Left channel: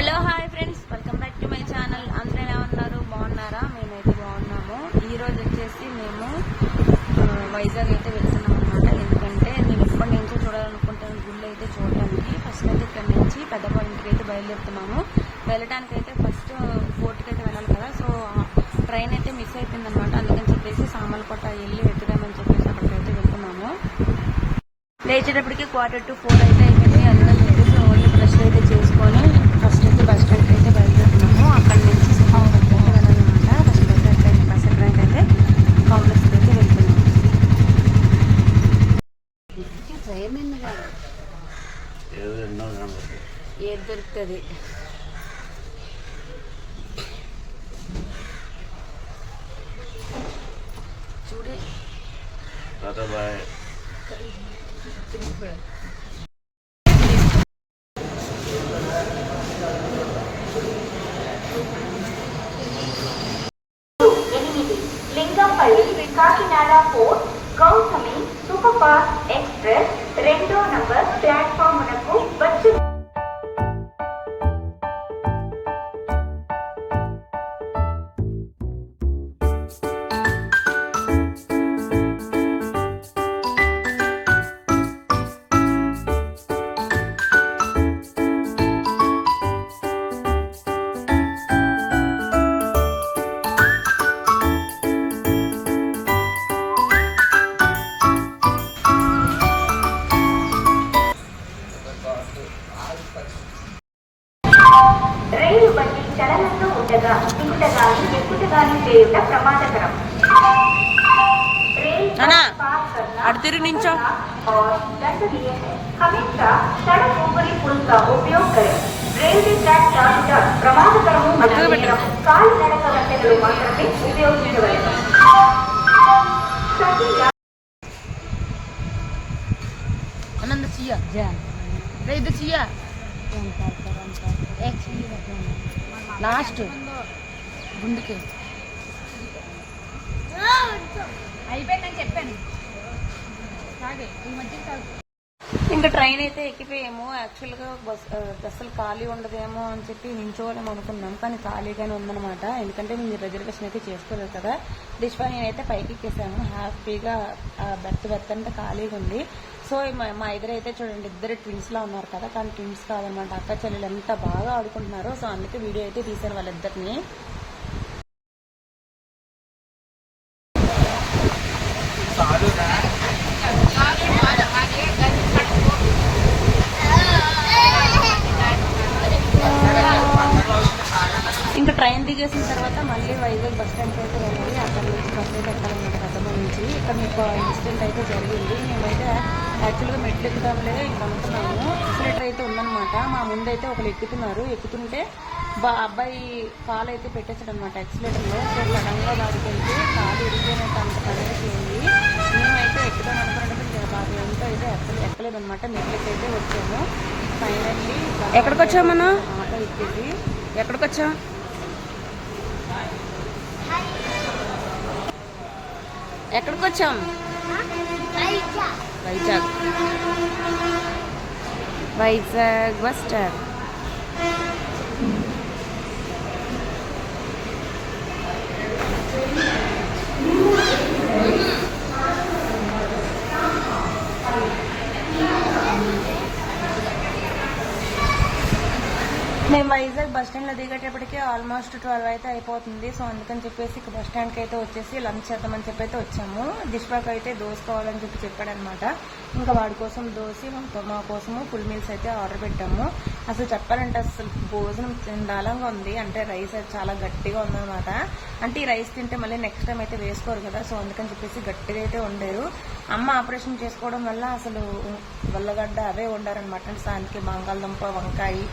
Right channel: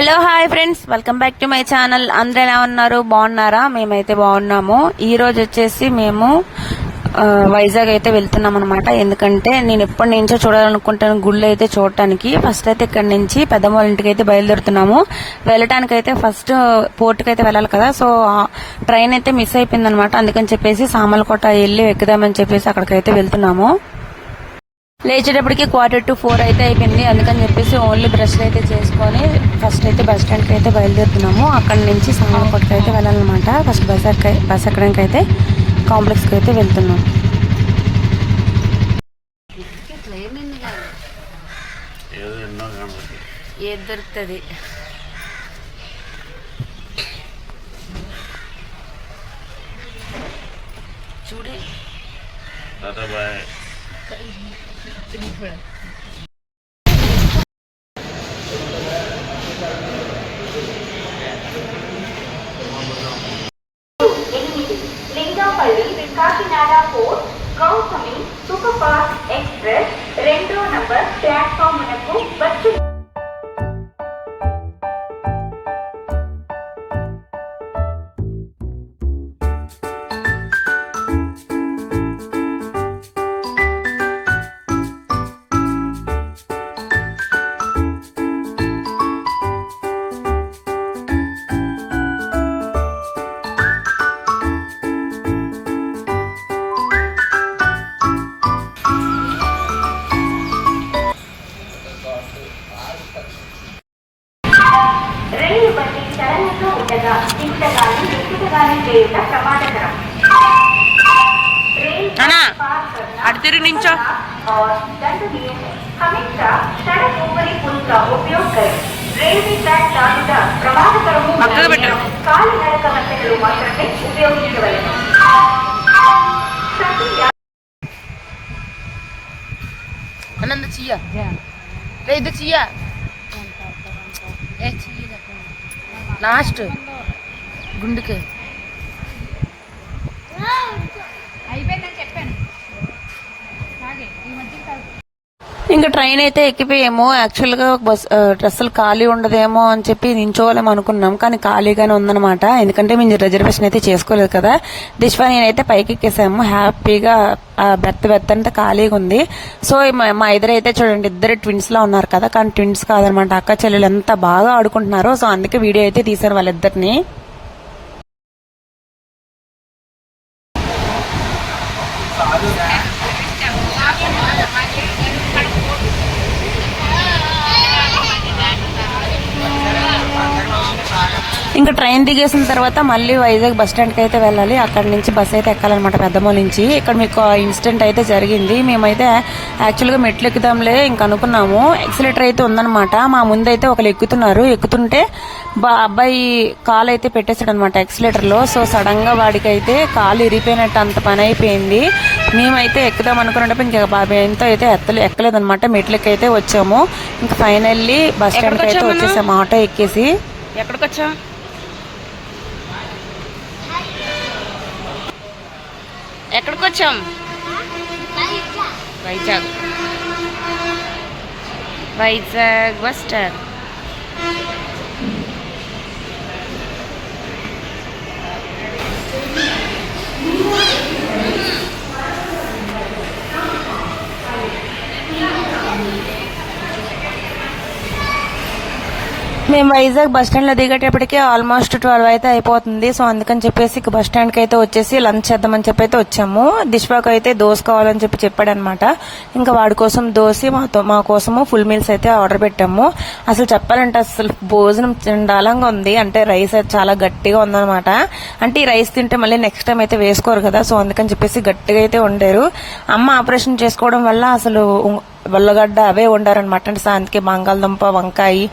Hello hi friends welcome back to my channel అందరూ ఎలా ఉన్నారు? బాగున్నారా? మేమైతే బాగున్నాము. ఈ రోజు వచ్చేసి మేము వైజాగ్ అయితే వెళ్తున్నాం అనమాట ఎందుకంటే నేను ఎప్పటి నుంచో చూడాలనుకుంటాను గుళ్ళు అయితే చూడటానికి. ఫస్ట్ అయితే ఇక్కడ నుంచి పెద్దమ్మ ఇంటికి అయితే బయలుదేరుతున్నాము. వెళ్ళటానికి అయితే ఫస్ట్ పోర్ట్కి అయితే వెళ్ళాలి కదా. సో ట్రైన్ అయితే మిస్ అయిపోయింది అనమాట అందుకని చెప్పేసి సామలకోట వెళ్ళి ఎక్కుదామని చెప్పేసి అక్కడికైతే వెళ్తున్నాము. లేచేటప్పటికి క్వార్టర్ టు ఫోర్ అయితే అయిపోయింది. అందుకని చెప్పేసి ఓన్లీ బ్రష్ అయితే చేసుకొని ఫస్ట్ అయితే బస్ స్టాండ్కి అయితే బయలుదేరుతున్నాము. అక్కడ నుంచి సామలకోటకి అయితే వెళ్ళాలన్నమాట. ఫస్ట్ బస్ ఎక్క బస్ ఎక్కడానికి అయితే కాంప్లెక్స్కి అయితే వెళ్తున్నాం ఏదో ఎన్నో కనబడుతుంది ఏది దొరుకుతుంది? చూడు. Bye. Lingampalli Kakinada four Gautami super fast express రెండో నంబర్ ప్లాట్ఫామునకు ಕಡಲನ್ನು ಉದ್ದಗ ಇಂಟಗಾಲಿ ಉಪ್ಪಿಟಗಾಲಿ ಬೇಯುಟ ಪ್ರಮಾಣಕರ அடுத்த நிமிஷம் அடுத்தது பெட்டர் அண்ணன் இந்த சியா. இது சியா ஏ சியா. లాస్ట్ గుండెకి. అయిపోయిందని చెప్పాను. ఇంకా ట్రైన్ అయితే ఎక్కిపోయాము. యాక్చువల్గా బస్ అసలు ఖాళీ ఉండదేమో అని చెప్పి నించోవాలేమో అనుకున్నాం. కానీ ఖాళీగానే ఉందనమాట ఎందుకంటే మేము రిజర్వేషన్ అయితే చేసుకోలేదు కదా. దిశ్వా నేనైతే పైకి ఎక్కేసాము. హ్యాపీగా ఆ బెత్త బెత్త అంతా ఖాళీగా ఉంది. సో మా- మా ఇద్దరు అయితే చూడండి ఇద్దరు ట్విన్స్ లా ఉన్నారు కదా. కానీ ట్విన్స్ కాదనమాట అక్క చెల్లెలు ఎంత బాగా ఆడుకుంటున్నారో. సో అందుకే వీడియో అయితే తీశాను వాళ్ళిద్దరిని. ఇంకా ట్రైన్ దిగేసిన తర్వాత మళ్ళీ వైజాగ్ బస్ స్టాండ్కి అయితే వెళ్ళాలి. అక్కడ నుంచి బస్ అయితే ఎక్కాలన్నమాట పెద్దమ్మ నుంచి. ఇక్కడ మీకు ఇన్సిడెంట్ అయితే జరిగింది. మేమైతే యాక్చువల్గా మెట్లు ఎక్కుదాంలే ఇంక అనుకున్నాము. ఎక్సిలేటర్ అయితే ఉందన్నమాట. మా ముందైతే ఒకరు ఎక్కుతున్నారు. ఎక్కుతుంటే బా అబ్బాయి కాలు అయితే పెట్టేశాడు అనమాట ఎక్సిలేటర్లో. సో సడన్గా వాడికి అయితే కాలు ఇరిగిపోయినట్టు అంత పని అయిపోయింది. మేమైతే ఎక్కుదాం అనుకున్నప్పుడు ఇంకా బాబాయ్ ఎంతో అయితే ఎత్తలే ఎక్కలేదన్నమాట. మెట్లకి అయితే వచ్చాము. ఇంకా ఫైనల్లీ బస్ స్టాండ్? వచ్చేసాము. ఆటో ఎక్కేసి. ఎక్కడికి వచ్చా ఎక్కడికి వచ్చాం వైజాగ్. Vizag bus stand. మేము వైజాగ్ బస్ స్టాండ్లో దిగేటప్పటికి ఆల్మోస్ట్ ట్వెల్వ్ అయితే అయిపోతుంది. సో అందుకని చెప్పేసి బస్ స్టాండ్కి అయితే వచ్చేసి లంచ్ చేద్దామని చెప్పి అయితే వచ్చాము. దిష్వాకు అయితే దోశ కావాలని చెప్పి చెప్పాడనమాట. ఇంకా వాడి కోసం దోశ మాతో మా కోసము ఫుల్ మీల్స్ అయితే ఆర్డర్ పెట్టాము. అసలు చెప్పాలంటే అసలు భోజనం చండాలంగా ఉంది. అంటే రైస్ అయితే చాలా గట్టిగా ఉందన్నమాట అంటే ఈ రైస్ తింటే మళ్ళీ నెక్స్ట్ టైం అయితే వేసుకోరు కదా. సో అందుకని చెప్పేసి గట్టిగా అయితే ఉండేరు అమ్మ ఆపరేషన్ చేసుకోవడం వల్ల అసలు ఉల్లగడ్డ అవే వండారనమాట అంటే సాయంత్రికి బంగాళదుంప వంకాయ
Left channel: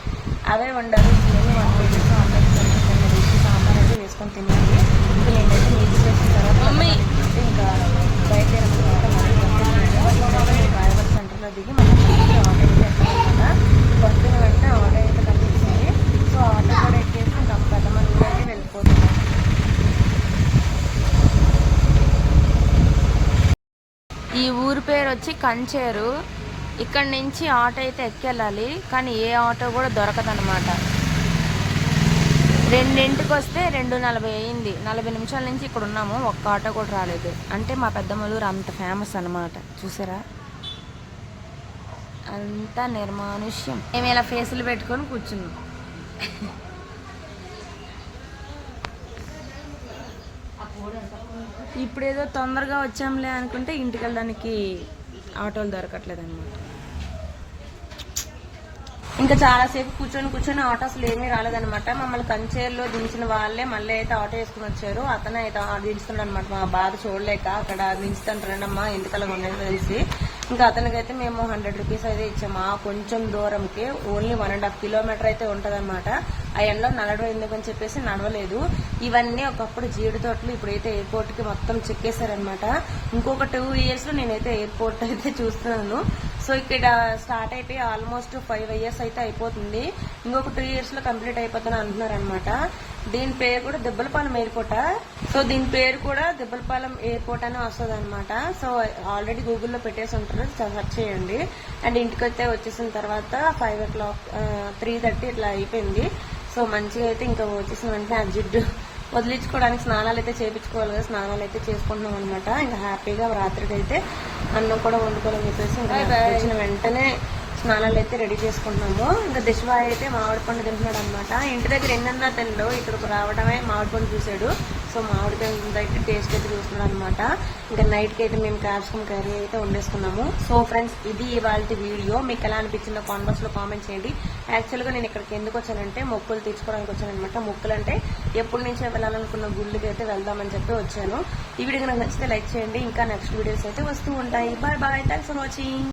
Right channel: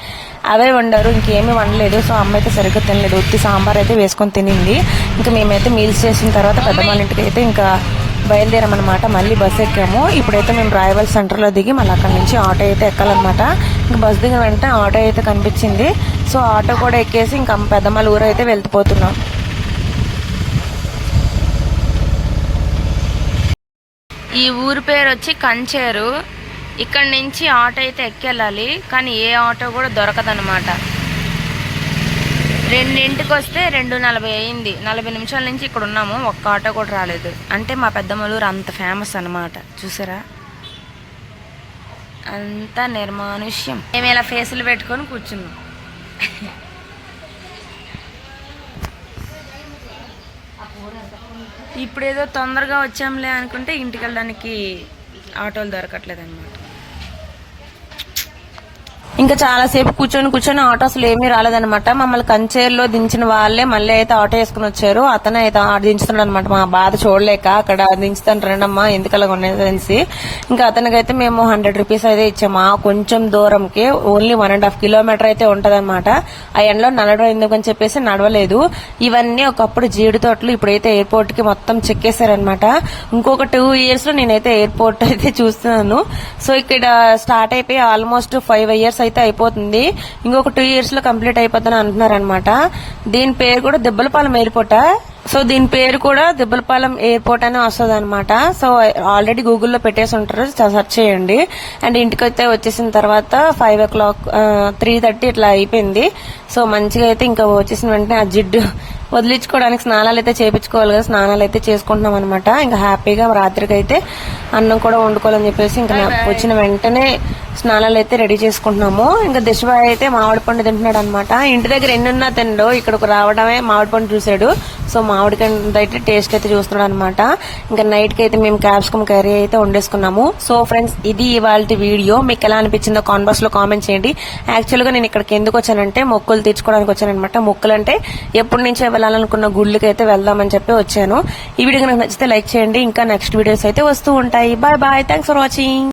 అవే వండారు. ఇంకేమీ వండలేదు. సో అమ్మ అయితే సరిగ్గా తినలేదు. ఉత్తి సాంబార్ అయితే వేసుకొని తినింది. ఇంకా మేమైతే మీల్స్ చేసిన తర్వాత పెద్దమ్మ ఇంటికి అయితే ఇంకా బయలుదేరామన్నమాట. మళ్ళీ బస్ ఎక్కాము. ఇప్పుడైతే మేము రాయవల్ సెంటర్లో దిగి మళ్ళీ అక్కడ నుంచి ఆటో అయితే ఎక్కాలన్నమాట. ఇంకా బస్ దిగిన వెంటనే ఆటో అయితే కనిపించింది. సో ఆటో కూడా ఎక్కేసి ఇంకా పెద్దమ్మల ఊరు అయితే వెళ్ళిపోతున్నాం ఈ ఊరి పేరు వచ్చి కంచేరు. ఇక్కడ నుంచి ఆటో అయితే ఎక్కెళ్ళాలి కానీ ఏ ఆటో కూడా దొరకదనమాట రెండింటికి వస్తే రెండు నలభై అయింది. నలభై నిమిషాల నుంచి ఇక్కడ ఉన్నాము ఒక్క ఆటో కూడా రాలేదు. అంటే మా పెద్దమ్మలూరు అంత ఫేమస్ అన్నమాట. చూసారా? అంతా నిర్మానుష్యం. మేము ఇలా ఫేసులు పెట్టుకొని కూర్చున్నాం. ఇప్పుడు ఏదో తొందరగా వచ్చాంలే అనుకుంటే ఇంటికి వెళ్ళడానికి ఆటోలు దొరకట్లేదు అనమాట ఇంకా చాలాసేపు కూర్చొని కూర్చొని ఆటో అసలు ఏమీ రాలేదనమాట మమ్మల్ని కంచేరులో దించిన వాళ్ళే మళ్ళీ అయితే ఆటో వేసుకుని వచ్చారు. అతనే అయితే ఆట దించుతున్నాడు అనమాట మా బాధ చూడలేక అక్కడ దించుతాను రండమ్మా ఎందుకలా ఉన్నది తెలిసి ఇంకా అతనికైతే మేము హండ్రెడ్ రూపీస్ అయితే ఇచ్చాము. ఆ కొంచెం దూరంకి only one and half kilometer అయితే ఉంటదన్నమాట. ఆ ఎండలో నడవడం ఎందుకని చెప్పేసి నడవలేదు. ఇవన్నీ ఒకప్పుడు జీడి తోటలు ఇప్పుడైతే ఎయిర్పోర్ట్కి మొత్తం చెక్కేశారనమాట ఇంకొక టూ ఇయర్స్లో నేనైతే ఎయిర్పోర్ట్ అయితే చూస్తున్నాను. సో ఇక్కడ స్టార్ట్ అయిపోయి ఆల్మోస్ట్ ఫైవ్ ఇయర్స్ అయితే అయిపోతుంది. ఇంకొక టూ ఇయర్స్లో కంప్లీట్ అయిపోతుందని అంటున్నారు అనమాట దీని పేరు కూడా దెబ్బలపాలెం ఎయిర్పోర్ట్ సో దీని పేరు కూడా దెబ్బలపాలెం ఎయిర్పోర్ట్ అని వస్తుంది అనమాట సో ఆల్రెడీ గూగుల్లో పెట్టేసి ఉంటారు. సెర్చ్ చేయండి. అండ్ ఇంటికి అయితే వచ్చేసిన తర్వాత five o'clock three thirty ఇట్లా అయిపోయింది. సో మంచిగా అయితే ఇంకా వచ్చేసిన వెంటనే ఆ జిడ్డు వదిలించుకోవడానికి స్నానాలు అయితే చేపించుకోవాలి కదా. స్నానాలు అయితే చేసుకుంటున్నాం అనమాట ఇంకా హ్యాపీగా రాత్రికి అయితే అన్నం కూడా వండుకోవాలని చెప్పేసి ఇంకా వచ్చిన వెంటనే స్నానాలు అయితే రెడీ చేసుకుంటున్నాము. ఇంకా దిశబాయ్ అయితే మామిడి పండు తింటున్నాడు అనమాట ఇంటి దగ్గర ఎన్నున్నా తినడు. ఇక్కడ రావడమే మామిడి పండు చూసాడు సో మామిడి అయితే టేస్ట్ అయితే చూస్తున్నాడు అనమాట ఇంకా నైట్కి అయితే మేము క్యాప్సికమ్ కర్రీ అయితే వండేసుకున్నాము. సో ఫ్రెండ్స్ ఇది ఇవాళ వీడియో. మీకు ఎలా అనిపించిందో కాన్వర్స్లో కామెంట్ చేయండి. యాక్చువల్గా నేను ఇక్కడికి ఎందుకు వచ్చానంటే మొక్కులు తీర్చుకోవడానికి వచ్చానమాట మొక్కులు అంటే ఎప్పటి నుంచే వెళ్ళాలనుకున్న గుళ్ళకి అయితే వెళ్దామని చెప్పి వచ్చాను. ఈ వీడియో నాకు నచ్చితే లైక్ చేయండి. ఇంకా నెక్స్ట్ వీడియోస్ అయితే వస్తూ ఉంటాయి. Bye bye thanks for watching